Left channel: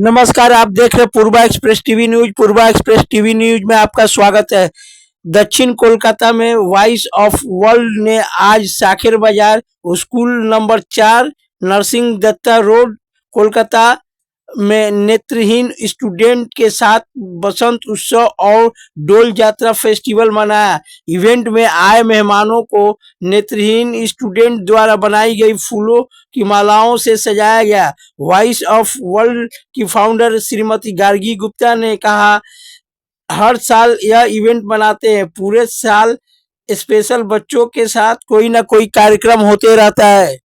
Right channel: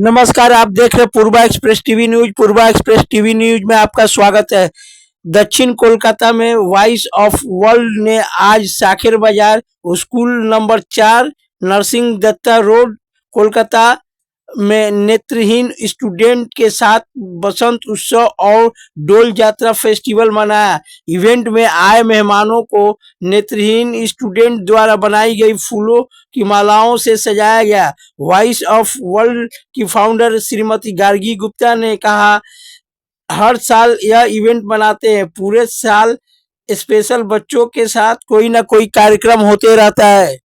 नमस्कार, आप देख रहे पूर्वा एक्सप्रेस टीवी न्यूज। पूर्वा एक्सप्रेस टीवी न्यूज में आपका स्वागत है। दक्षिण कोलकाता में वॉइस ऑफ वर्ल्ड ने आज Sakher Bazar school number 4 Narasingha Dutta road Kolkata में नेत्रहीन स्टूडेंट के साथ बसंत उत्सव और डोल यात्रा फेस्टिवल मनाया। इवेंट में आए मेहमानों को नेत्रहीन स्टूडेंट द्वारा बनाई गई फूलों की मालाओं से सजाया गया। वॉइस ऑफ वर्ल्ड की फाउंडर श्रीमती गार्गी गुप्ता ने कहा, हर साल यह इवेंट मनाते हैं, पूरे साल स्पेशल बच्चों के साथ कोई ना कोई कार्यक्रम होते रहता है।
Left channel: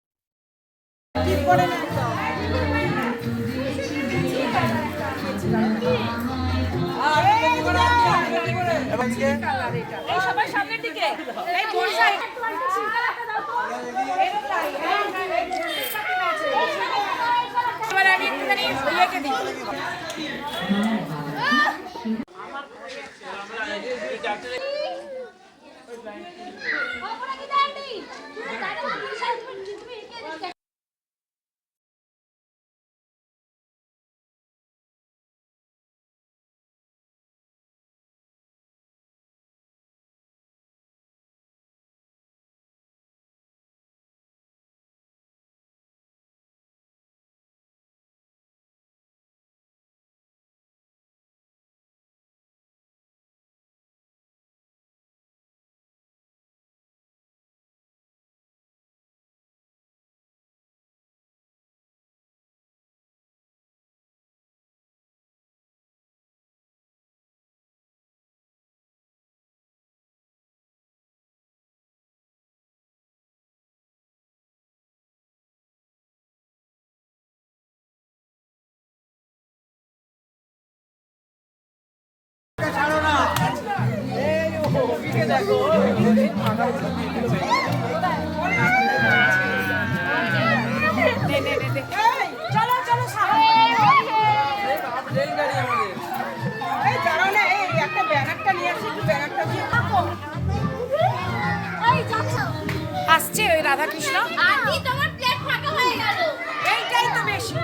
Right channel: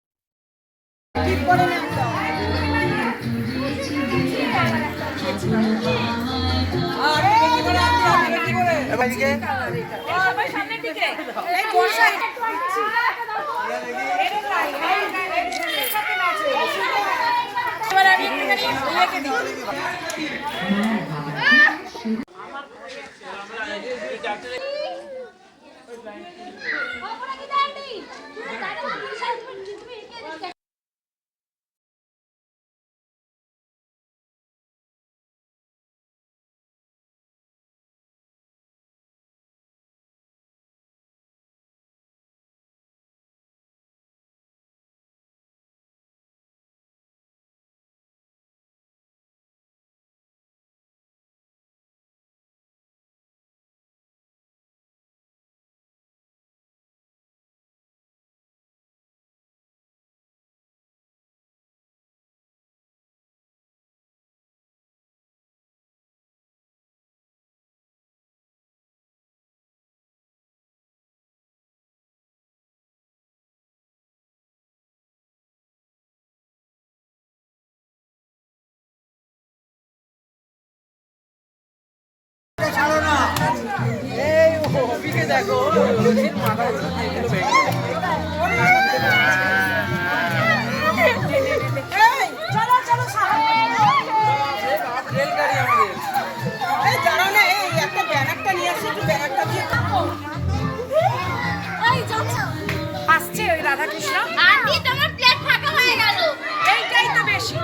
আসছে ওই রাধাকৃষ্ণ আন্টি তোমার প্লেট ফাঁকা হয়ে গেল, এইটাই তো বেশি।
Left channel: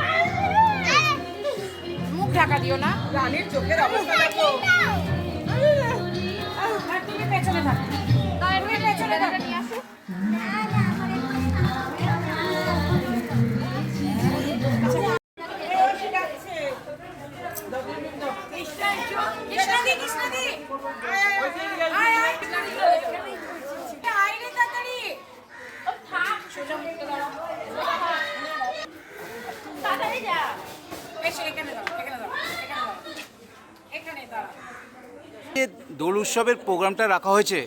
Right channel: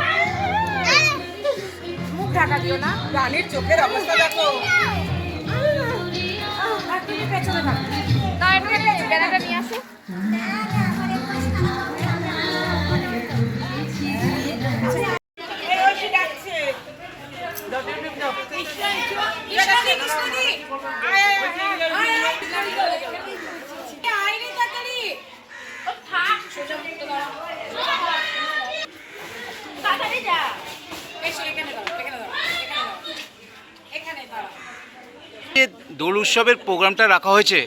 মুখ ঢাকা দিও না, রানীর চোখের অবস্থা দেখো। আর তুমি পেছনে থাকো, তাই আমি পেছনে নিয়ে আসি। যে দোল উৎসবের প্রোগ্রামটা রাখা হয়েছে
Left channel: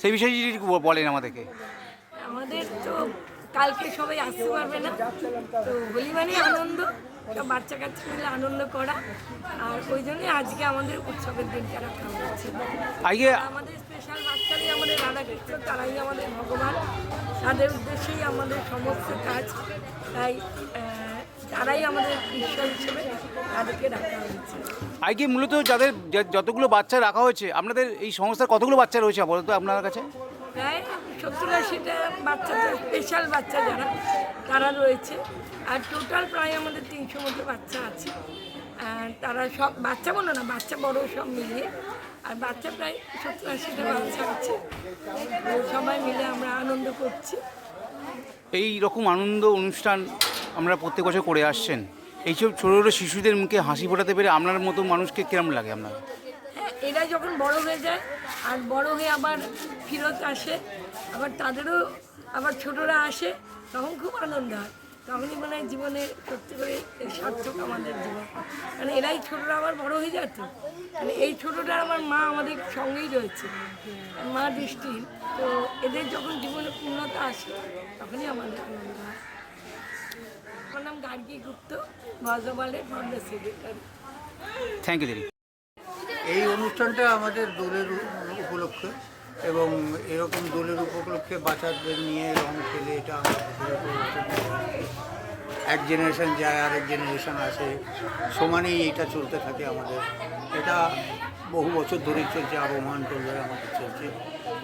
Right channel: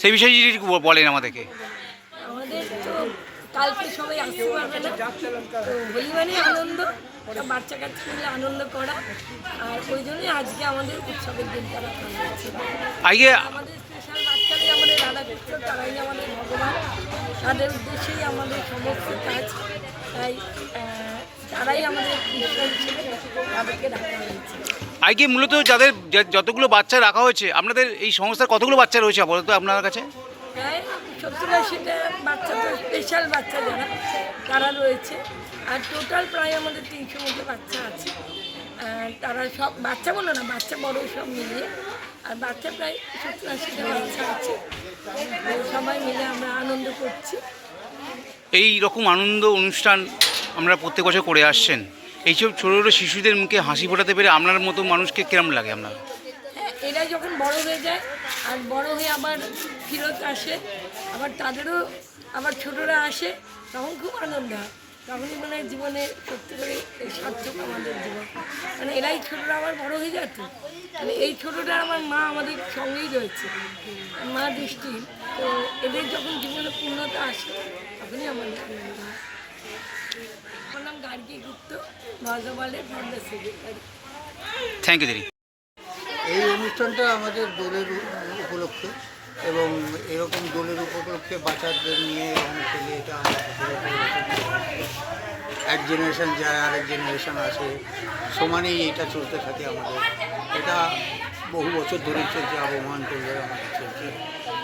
সেই বিষয়ে যদি একটু বলেন আমাদেরকে। আমাদের তো কালকে সবাই আসতে পারবে না, তো হোলি মানে আনন্দ, সব বাচ্চা কাচ্চা মিলে আনন্দ করা, আর ওই জন্যই আজকে আমাদের উৎসবের দিনটা রাখা হয়েছে। আজকে আমাদের স্পেশাল বাচ্চারাই আমাদের রাধাকৃষ্ণ, তারাই আমাদের ভগবান, তাদের উদ্দেশ্যেই আমাদের সমস্ত কাজ, তাই তারাই আমাদের ঈশ্বর হিসেবে তাদেরকে রাখা হয়েছে। আজকে মূলত যাদের যতগুলো বাচ্চা রাখা হয়েছে, আপনাদের এই সংস্থার কতগুলো বাচ্চা রয়েছে আপাতত আপনার কাছে? প্রায় 70-80টা বাচ্চা, তো স্পেশাল বাচ্চা যারা তারা রয়েছে, আর টোটাল প্রায় আমাদের 300 মতো বাচ্চা আছে। তারা সব বাচ্চা বলো না, বাচ্চা বড় সব মিলিয়ে, আর বাচ্চা প্রায় 70-80টা বাচ্চা আছে। সবাই মিলে আমরা আনন্দ করছি। এই রকম আনন্দ অনুষ্ঠান আমরা প্রত্যেক বছর করে আসছেন, এইসব ছোটো ছোটো শিশুদের মুখে হাসি ফোটাতে পেরে আপনার মতো মানুষকে কেমন লাগে আপনার? হ্যাঁ, এরা যখন বড় হয়ে যায় আর বড় হয়ে আবার ফিরত আসে, আবার তাদেরও আবার ছোটরা আসে, তখন খুব আনন্দ হয়। তখনই মনে হয় জীবনে সত্যি করে সার্থক আমাদের জীবন, মানে এরাই ছোটরা আবার বড় হয়ে যায়। তো মানে এই ছোটটা আমার মা আমাদের সঙ্গেই রয়েছে, মা দৃষ্টি, তো এদের যখন জীবনে পূর্ণতা আসে তখনই আমাদের আনন্দ হয়। আমার নাম গার্গী গুপ্ত, ভজবালের ফাউন্ডার সেক্রেটারি। থ্যাংক ইউ দিদি। এই অনুষ্ঠানটা আমাদের দোলের উপলক্ষে, এবং এরকম দোলের উপলক্ষে বাচ্চাদের নিয়ে রং খেলে এটা আমাদের এক জেনারেশন যায় আরেক জেনারেশন আসে, সমানেই এটা চলতে থাকে আমাদের। এটা বহু বছর ধরেই চলছে, আবহমান করলে আমাদের চলছে,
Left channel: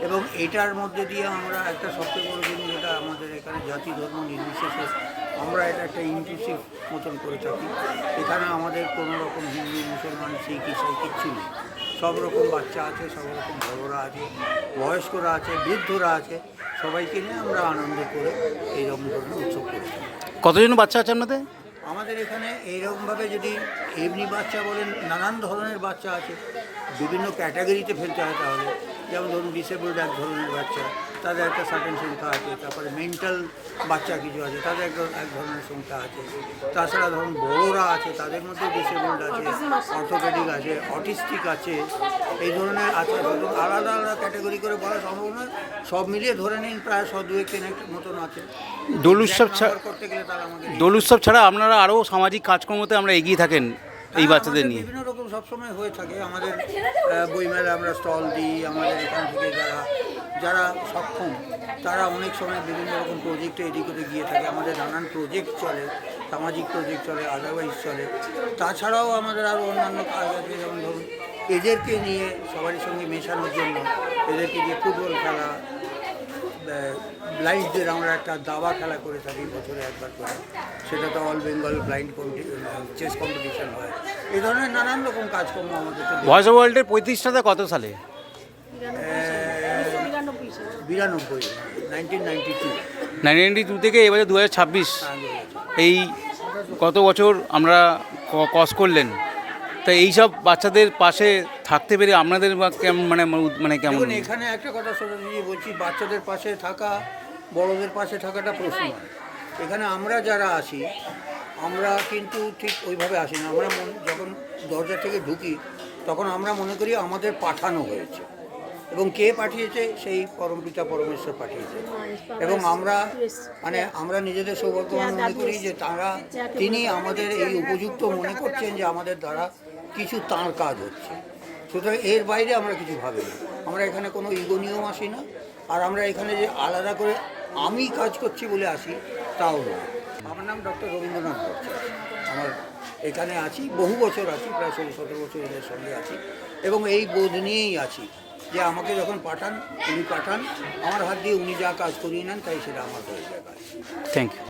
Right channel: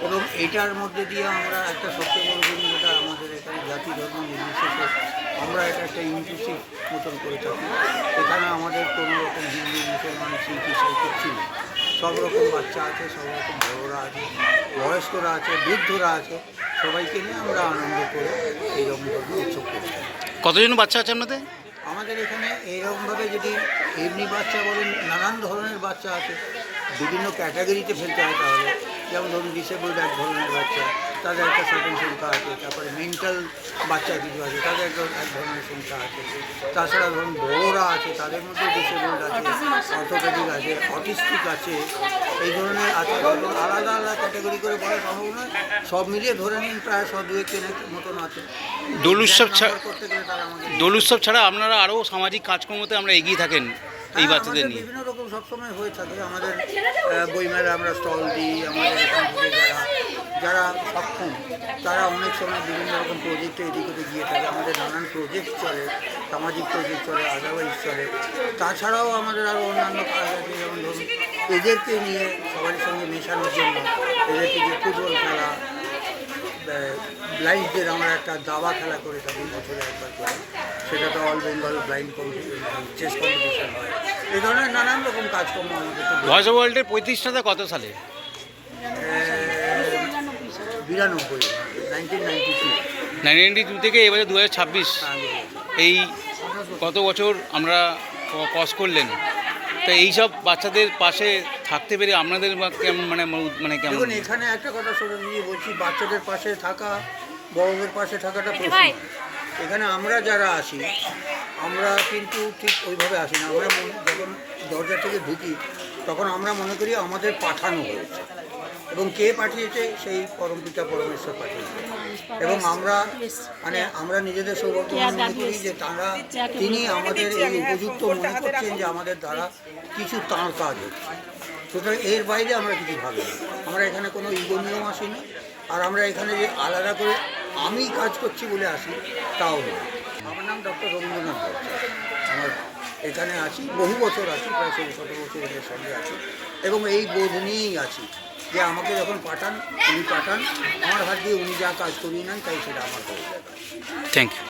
এবং এইটার মধ্যে দিয়ে আমরা একটা সবচেয়ে বড় জিনিস, যেটা আমাদের এখানে জাতি ধর্ম নির্বিশেষে আমরা এটা একটা ইনক্লুসিভ মতন করে থাকি। এখানে আমাদের কোনো রকম হিন্দু, মুসলমান, শিখ, ইসাই কিচ্ছু নেই। সব রকম বাচ্চা আছে, সব রকম বড়রা আছে, বয়স্করা আছে, বৃদ্ধরা আছে, সবাইকে নিয়ে আমরা আনন্দ করে এইরকম ধরনের উৎসব করে থাকি। কতজন বাচ্চা আছে আপনাদের? আমাদের এখানে এইরকমভাবে যদি এমনি বাচ্চা বলেন, নানান ধরনের বাচ্চা আছে, বিভিন্ন ক্যাটাগরিতে ফেলতে হয় তাহলে। যেমন ধরুন ডিসেবলড এক ধরনের বাচ্চা, তাদের একটা সার্টেন সংখ্যা আছে। তারপরে মেন্টাল বাচ্চা কিছু আছে, তাদের এক ধরনের সংখ্যা আছে। তাছাড়া ধরুন বড়োরা আছে, তাদের মধ্যে ডিসেবলড আছে, অর্থোপেডিক আছে, অটিস্টিক আছে, এই ধরনের আছে। ধরুন আলাদা আলাদা ক্যাটাগরি করে বলা সম্ভব নয়, সব মিলিয়ে ধরে নিন প্রায় 100-200 মতন আছে। দোল উৎসব নাম্বার করতে গেলে তাহলে আমাদের দোল উৎসব ছাড়া আপনারা আরও সামাজিক কাজকর্মতে আমরা এগিয়ে থাকেন এই বাচ্চাদের আমাদের নিয়ে। বিভিন্ন রকম সবসময় হয়ে থাকে। আমাদের বইমেলা আমরা স্টল দিই। আমাদের এখান থেকে যারা সক্ষম তারা অনেক সময় বিভিন্ন রকম প্রজেক্টে এদিক ওদিক গিয়ে থাকে। আমাদের নানান প্রজেক্ট চলে, সামাজিক প্রজেক্ট চলে, আদারওয়াইজ চলে। তাছাড়াও আমাদের আরও অন্যান্য কাজ আছে, যেমন ধরুন এদেরকে নিয়ে সবার সঙ্গে মেশানোর জন্য এদেরকে দিয়ে ফুটবল খেলা, ব্লাইন্ডদের আমরা একটা দাবা খেলা করে থাকি বছরে একবার করে, সেটা তো all Bengal blind chess competition হয়। এই ধরনের নানান রকম কাজকর্ম আমাদের তো ভয়েস অফ ওয়ার্ল্ডের 35টাতে কত সালে? 92, 1992 1992 থেকে এবারে 2026, এই কত বছর আমরা কস করলেন, তো এইসব বাচ্চাদের পাশে থাকতে পেরে আপনাদের কেমন মানে কেমন? দেখুন এখানে একটা কথা সবাই বলছি, বাচ্চাদের পাশে থাকা, বড়দের পাশে থাকাটা প্রশ্ন নয়। এখানে আমরা যারা আসি আমরা কিন্তু ঠিক ওইভাবে আসি না। আমরা যখন দরজা থেকে ঢুকি তখন আমরা মনে করি আমাদের পাঠানো হয়েছে, এবং কে পাঠিয়েছে? সেই পরমপিতা পরমেশ্বর পাঠিয়েছে। এবং আমরা নিজেদের সৌভাগ্যবান মনে করি যে তিনি আমাদের এই উপযুক্ত মনে করছেন যে আমাদের দ্বারা কিছু তাঁর কাজ হচ্ছে। সুতরাং এর বাইরে আমরা কিছু ভাবি না। আমরা এখানে কোনো ইগো নিয়েও আসি না, আর আমরা এখানে যে আলাদা করে আমি কাজ করছি বলে আসি তাও নয়। আমার নাম ডক্টর রবীন্দ্রনাথ ভট্টাচার্য। আমার এখানে আছি, বহু বছর আছি, প্রায় 16-17 বছর এদের সঙ্গে আছি, এবং এই বোধ নিয়েই আছি যে আমাকে যখন উনি পাঠান, আমার হাত দিয়ে উনি যা কাজ করিয়ে নেন তাই সেটা আমার হয়ে যায়। Thank you.